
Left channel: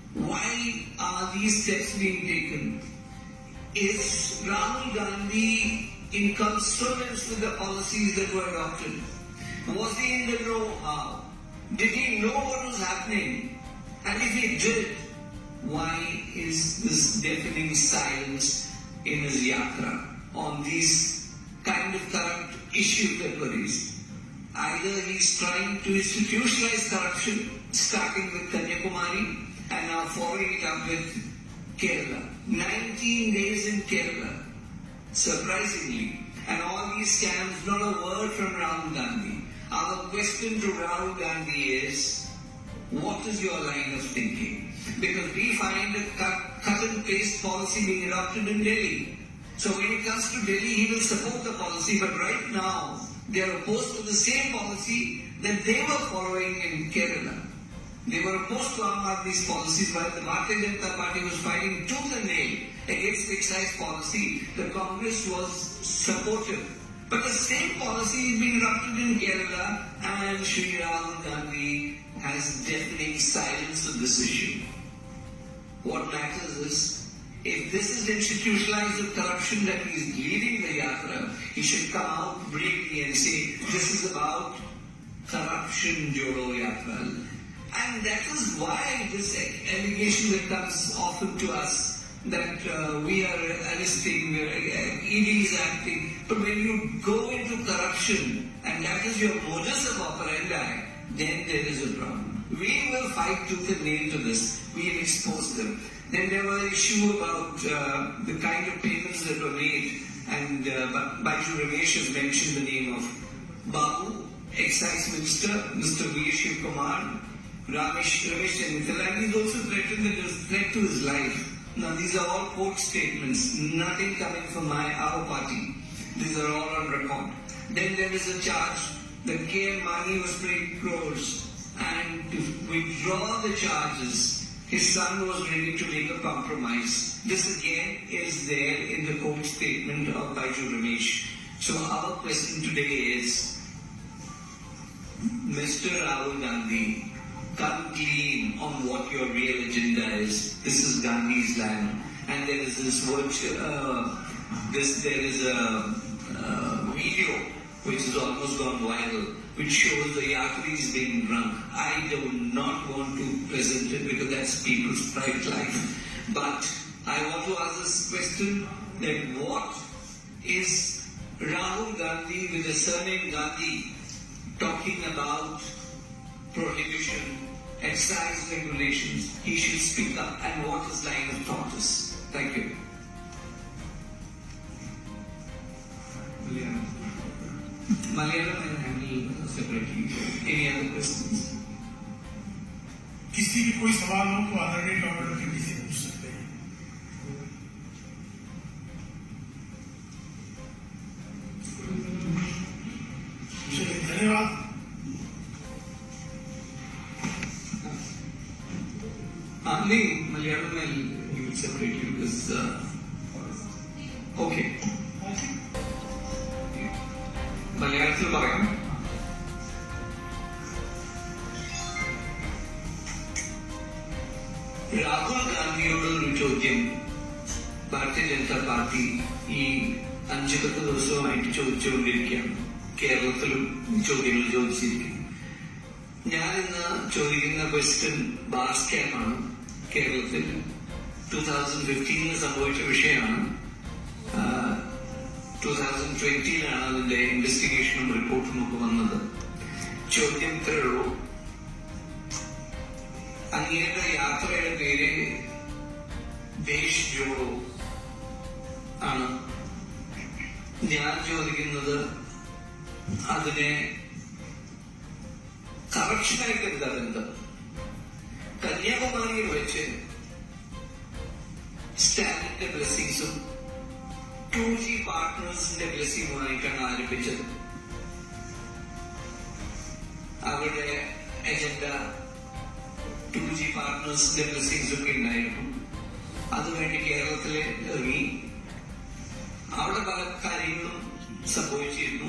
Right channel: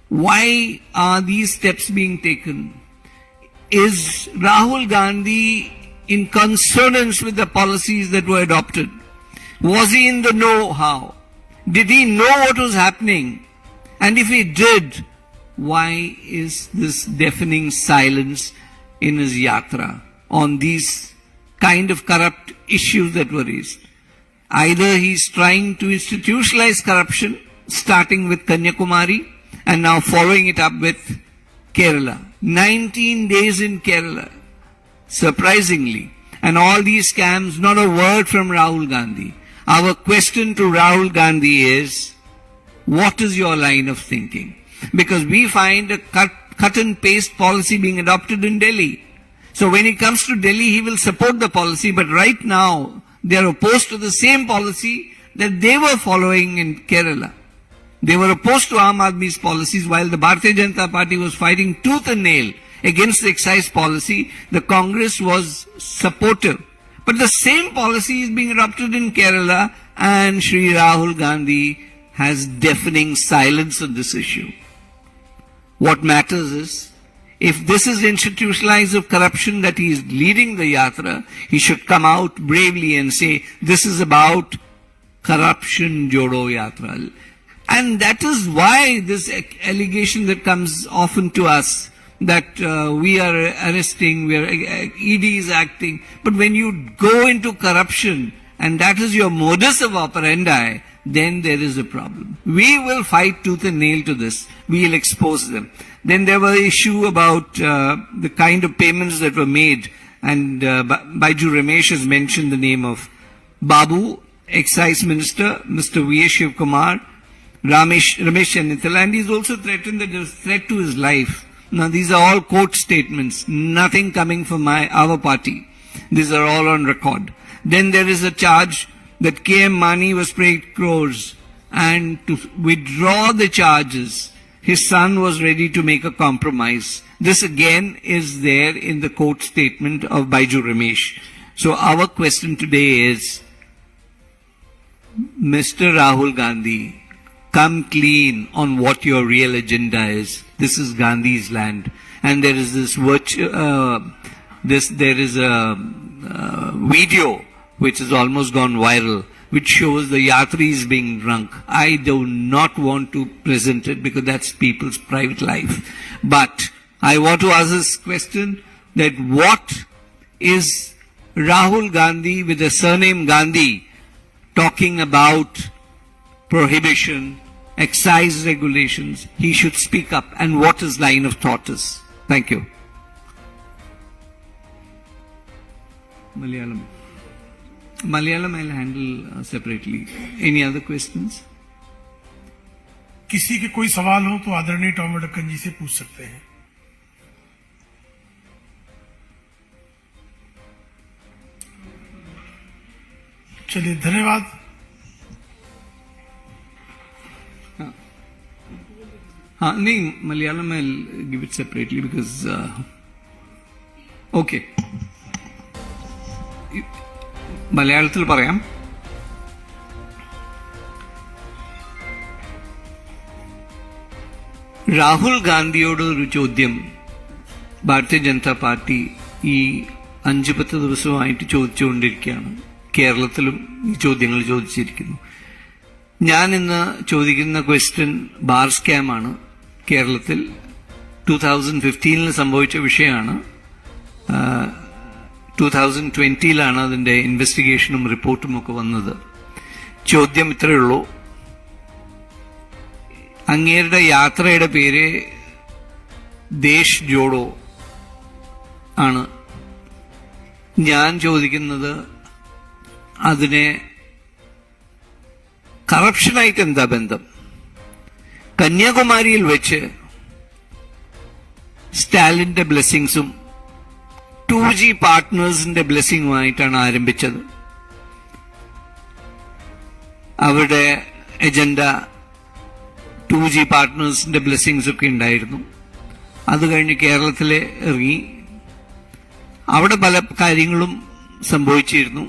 why are these steps being taken? Is Rahul Gandhi in consonance with the policies that were adopted? Was he in the know-how? Did he know what was happening? And if he did, why is this deafening silence in his yatra on these kind of corrupt issues that were raised? Either he's trying to institutionalize corruption, starting with Kanyakumari and now following it up with Kerala. 19 days in Kerala, surprisingly. and all these scams, not a word from Rahul Gandhi. Our question to Rahul Gandhi is, what is your line of thinking? Because we find a cut and paste policy being adopted in Delhi. So when it comes to Delhi, he will support the policy, but right now they are opposed to the same policy that they were following in Kerala. They were opposed to Aam Aadmi's policies while the Bharatiya Janata Party was fighting tooth and nail against the excise policy. The Congress was supportive. But the same policy is being adopted in Kerala, and Shri Rahul Gandhi has deafening silence on this issue. What matters is, if this is institutionalized of corruption that he is leading the yatra, he should come out bravely and say, this is about corruption jodo yatra. And that is why this allegation that comes often to us, that we are arresting, ED is acting. But when you go into corruption, and that is your modus of operandi, then there is a problem. We will fight tooth and nail to this. We will expose them. Then there were issue about the kind of payments that were made, and Baiju Ramesh has mentioned the name of Babu, Excise Minister, Mr. V.S. Shivkumar, Ramesh Chennithala, and he's also threatened that there's a threat to his life. Now these are all court statements, nothing coming from our party. These are all on record. Then there is a charge that KM Mani was paid crores, and to withdraw the charges, his son was ready to make a compromise. This again is there in the court statement of Baiju Ramesh. So our question today is, Mr. Rahul Gandhi, come clean on what your real agenda is. This is Gandhi's land, and there is this video which has almost gone viral, which shows the yatris being drunk. I do not want to present it because that's people's private life. But I want to ask this question, that what is Rahul Gandhi with the surname Gandhi talking about prohibition, excise regulations? He should speak up, and what his line of thought is. Thank you. Malayalam I'll handle separately. Any other questions? किसी के कोई सवाल हो तो आदरणीय टॉम अडकन जी से पूछ सकते हैं. चलिए, धन्यवाद. नहीं, Malayalam I'll give it separately because okay. മലയാളത്തിൽ പറയാം. രാഹുൽ ഗാന്ധിയോട് ഒരു ചോദ്യം ഭാരതീയ ജനതാ പാർട്ടി ഈ 5-10 ദിവസമായിട്ട് ചോദിച്ചുകൊണ്ടിരിക്കുകയാണ്. കേരളത്തിലും ഈ ചോദ്യങ്ങൾ ചോദിച്ചിരിക്കുന്നു. ഞാൻ ഇന്ന് ചോദിക്കുന്ന ക്വസ്റ്റ്യൻ ബാർ സ്കാമാണ്. കേരളത്തിൽ 2015 സംഭവിച്ച വിഷയമാണ്. 2020 അതിൻ്റെ ഇൻവെസ്റ്റിഗേഷനും റിപ്പോർട്ടും ഒക്കെ വന്നത്. ചോദ്യം ഇത്രയേ ഉള്ളൂ, അങ്ങേരുടെ യാത്രയുടെ പേര് ദേശ് ജോഡോ ആണ്. ഞാൻ ചോദിക്കുന്നത്, അതിനെ കറപ്ഷനായിട്ട് എന്താ ബന്ധം? കന്യാകുമാരിയിൽ വെച്ച് സ്റ്റാലിന്റെ ബ്ലെസ്സിങ്സും 2G പാർട്ട്നേഴ്സിന്റെ ബ്ലെസ്സിങ്ങുമായിട്ടാണ് ആരംഭിച്ചത്. അവരുടെ എജൻഡ 2G പാർട്ട്നേഴ്സിന്റെ ബ്ലെസ്സിങ്സ് ഒക്കെ ഉണ്ടായിരുന്നു. അത് കഴിഞ്ഞ് കേരളത്തിലെ ഇറങ്ങി. അവിടെ പല കാര്യങ്ങളും സംഭവിച്ചിരുന്നു.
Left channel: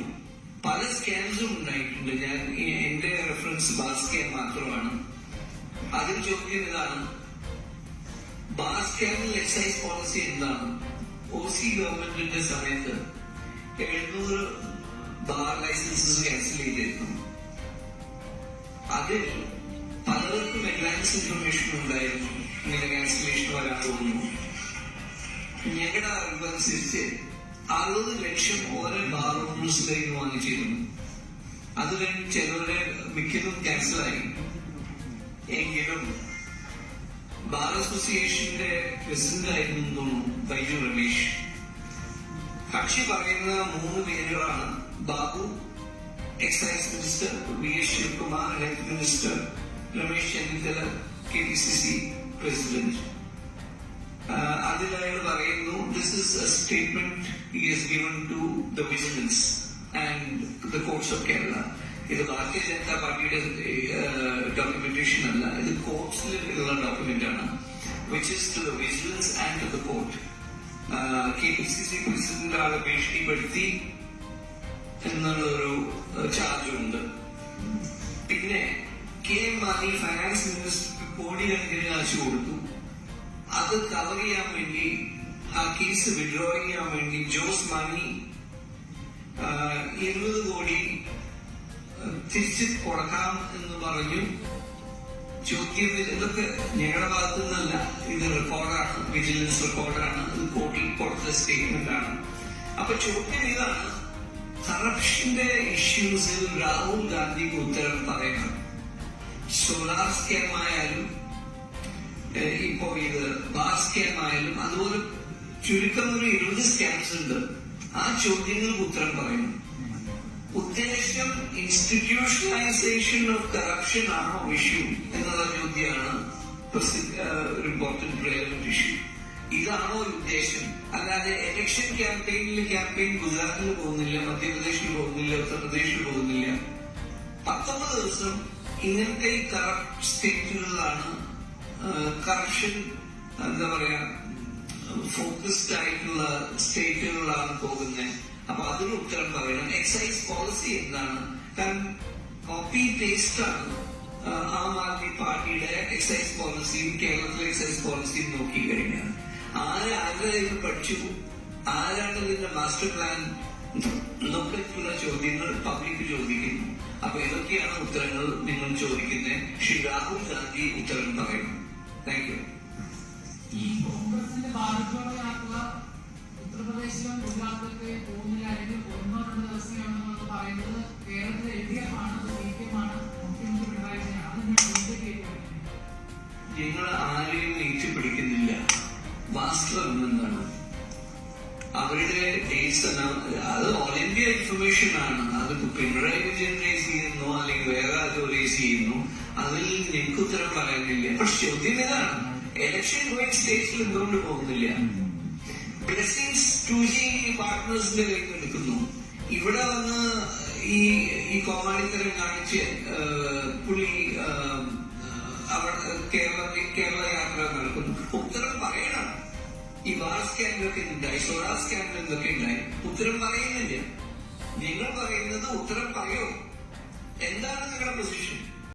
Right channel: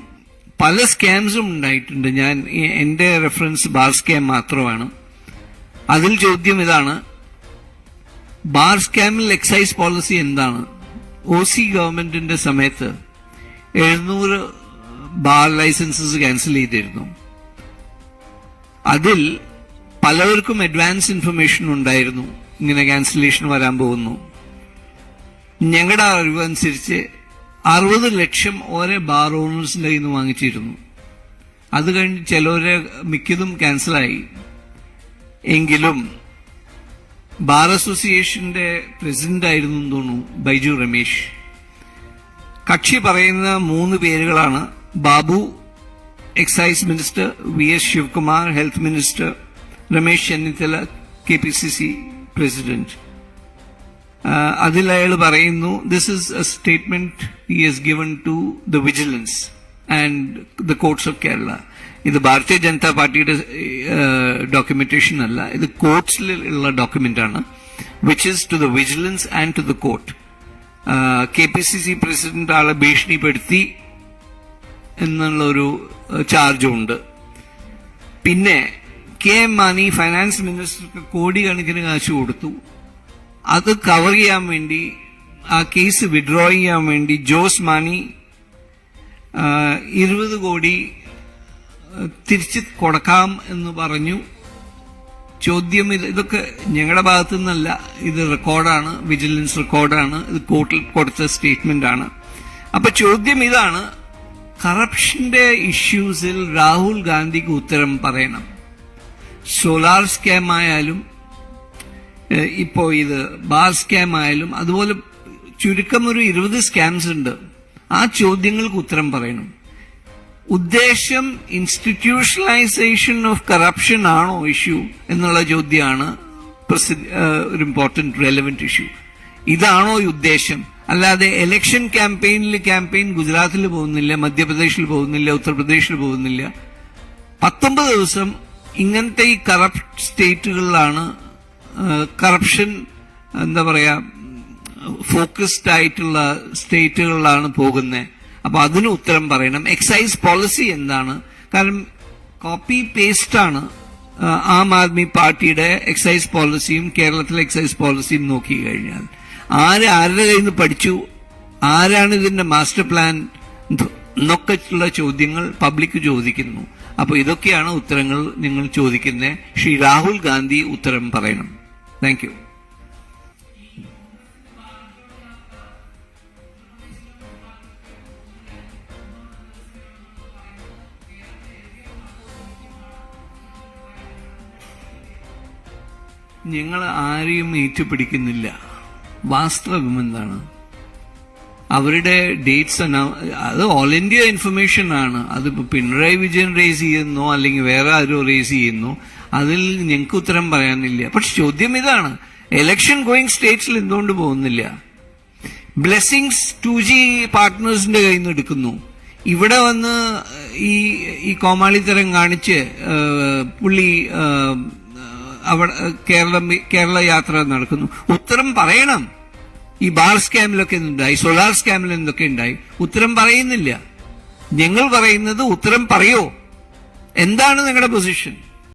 പല സ്കാംസും ഉണ്ടായിട്ടുണ്ട്. എൻ്റെ റെഫറൻസ് ബാർ സ്കാം മാത്രമാണ്. അതിൽ ചോദ്യം ഇതാണ്, ബാർ സ്കാമിൽ എക്സൈസ് പോളിസി എന്താണ്? OC ഗവൺമെന്റിന്റെ സമയത്ത് 700 ബാർ ലൈസൻസസ് ക്യാൻസൽ ചെയ്തിരുന്നു. അതിൽ പലവർക്കും അഡ്വാൻസ് ഇൻഫർമേഷൻ ഉണ്ടായിരുന്നു, ഇങ്ങനെ ക്യാൻസലേഷൻ വരാൻ പോകുന്നു. ഞങ്ങളുടെ അറിവനുസരിച്ച് 60 ലക്ഷം ഓരോ ബാർ ഓണേഴ്സിന്റെ കയ്യിൽ നിന്ന് വാങ്ങിച്ചിരുന്നു. അത് കഴിഞ്ഞ് ചിലവരെ മിക്കതും ക്യാൻസലായി. എങ്കിലും ബാർ അസോസിയേഷന്റെ പ്രസിഡന്റ് ആയിരുന്നു എന്ന് തോന്നുന്നു ബൈജു രമേശ്. കക്ഷി പറയുന്ന 3 പേരുകളാണ് Babu excise minister, VS Sivakumar health minister, Ramesh Chennithala KPCC president. അതിൽ അയാൾ പറയുന്നു, this is a statement he has given to the vigilance and the courts of Kerala. ഇത് ഭാരതീയ ജനതാ പാർട്ടിയുടെ ഡോക്യുമെന്റേഷൻ അല്ല, ഇത് കോർട്സിലുള്ള ഡോക്യുമെന്റ് ആണ്, which is to the vigilance and to the court. KPCC president ആളെ ഭീഷണിപ്പെടുത്തി എന്നുള്ളൊരു ചാർജും ഉണ്ട്. പിന്നെ KM മാണി ഫൈനാൻസ് മിനിസ്റ്റർക്ക് കോടിക്കണക്കിന് കാശ് കൊടുത്തു. അത് കവർ ചെയ്യാൻ വേണ്ടി, ആ കേസ് വിഡ്രോ ചെയ്യാൻ വേണ്ടി ജോസ് മാണി 20 കോടി തിരിച്ച് കൊടുക്കാം എന്ന് പറഞ്ഞു. ചോദ്യം ഇതൊക്കെ ഞങ്ങളുടെ ഭാഗത്തു നിന്നല്ല, ഇത് റെക്കോർഡാണ്, വിജിലൻസ് റെക്കോർഡാണ്, ഇത് കോർട്ടിൽ കൊടുത്ത സ്റ്റേറ്റ്മെന്റ് ആണ്. അപ്പൊ ചോദ്യം ഇതാണ്, കറപ്ഷന്റെ ഇഷ്യൂസിൽ രാഹുൽ ഗാന്ധിക്ക് ഉത്തരം പറയണം. സോലാർ സ്കാം ആയാലും ഇപ്പോ ഇത് ബാർ സ്കാം ആയാലും അതുപോലെ ചുരുക്കം ഒരു 20 സ്കാംസ് ഉണ്ട്. ആ ചോദ്യങ്ങൾക്ക് ഉത്തരം പറയണം. ഉദ്ദേശം ഇൻസ്റ്റിറ്റ്യൂഷണലൈസേഷൻ ഓഫ് കറപ്ഷൻ ആണോ ഇഷ്യൂ എന്നുള്ള ചോദ്യമാണ് ഒരു ഇമ്പോർട്ടന്റ് റെലവെന്റ് ഇഷ്യൂ. ഇതാണോ ഉദ്ദേശം? അല്ലാതെ ഇലക്ഷൻ ക്യാമ്പയിൻ ഗുജറാത്തിൽ പോകുന്നില്ല, മധ്യപ്രദേശിൽ പോകുന്നില്ല, ഉത്തർപ്രദേശിൽ പോകുന്നില്ല. 19 ദിവസം ഇങ്ങനത്തെ ഈ കറപ്റ്റ് സ്റ്റേറ്റുകളിലാണ് കറപ്ഷൻ എന്താ പറയാ ഫോക്കസ്ഡ് ആയിട്ടുള്ള സ്റ്റേറ്റുകളിലാണ് പോകുന്നത്. അപ്പൊ അതിന് ഉത്തരം പറയണം. എക്സൈസ് പോളിസി എന്താണ്? കാരണം കോപ്പി പേസ്റ്റ് ആണ് ആം ആദ്മി പാർട്ടിയുടെ എക്സൈസ് പോളിസിയും കേരളത്തിലെ എക്സൈസ് പോളിസിയും നോക്കി കഴിഞ്ഞാൽ. ആരുടെ കയ്യിൽ നിന്ന് പഠിച്ചു, ആരാണ് ഇതിന്റെ മാസ്റ്റർ പ്ലാൻ എന്നൊക്കെയുള്ള ചോദ്യങ്ങൾ പബ്ലിക് ചോദിക്കുന്നു. അപ്പൊ ഇതൊക്കെയാണ് ഉത്തരങ്ങൾ നിങ്ങൾ ചോദിക്കുന്നത്. ശ്രീ രാഹുൽ ഗാന്ധി ഉത്തരം പറയണം. Thank you. ഞങ്ങൾ ആരെയും ഏറ്റുപിടിക്കുന്നില്ല. വാസ്തവം എന്താണ്? അവരുടെ ഡേറ്റ്സ് അത് ഓൾ ഇന്ത്യ ഇൻഫർമേഷൻ ആണ്. അതിപ്പോ പിണറായി വിജയൻ റേസ് ചെയ്യുന്നോ അല്ലെങ്കിൽ വേറെ ആരോ റേസ് ചെയ്യുന്നു, അതിൽ ഞങ്ങൾക്ക് ഉത്തരം പറയാനില്ല. പക്ഷെ ചോദ്യം ഇതാണ്, എലക്ഷൻ ഗോയിങ് സ്റ്റേറ്റ്സിൽ എന്തുകൊണ്ട് പോകുന്നില്ല? ബ്ലെസ്സിങ്സ് 2G പാർട്ട്നേഴ്സിന്റെ കയ്യിൽ നിന്ന് എടുക്കുന്നു. ഇവിടെ വന്ന് ഈ കോമാളിത്തരം കാണിച്ച് പുള്ളി അവിടെ കേരള യാത്ര നടക്കുന്നു. ഉത്തരം പറയണം. ഈ ബാർ സ്കാമിലൊക്കെ ഉണ്ടായി, സോളാർ സ്കാമിൽ എന്തൊക്കെ ഉണ്ടായി, ഉത്തരം പറയുന്നില്ല. ഞങ്ങൾ പറയുന്നത് ഉത്തരം പറയോ? എന്താണ് നിങ്ങളുടെ പൊസിഷൻ?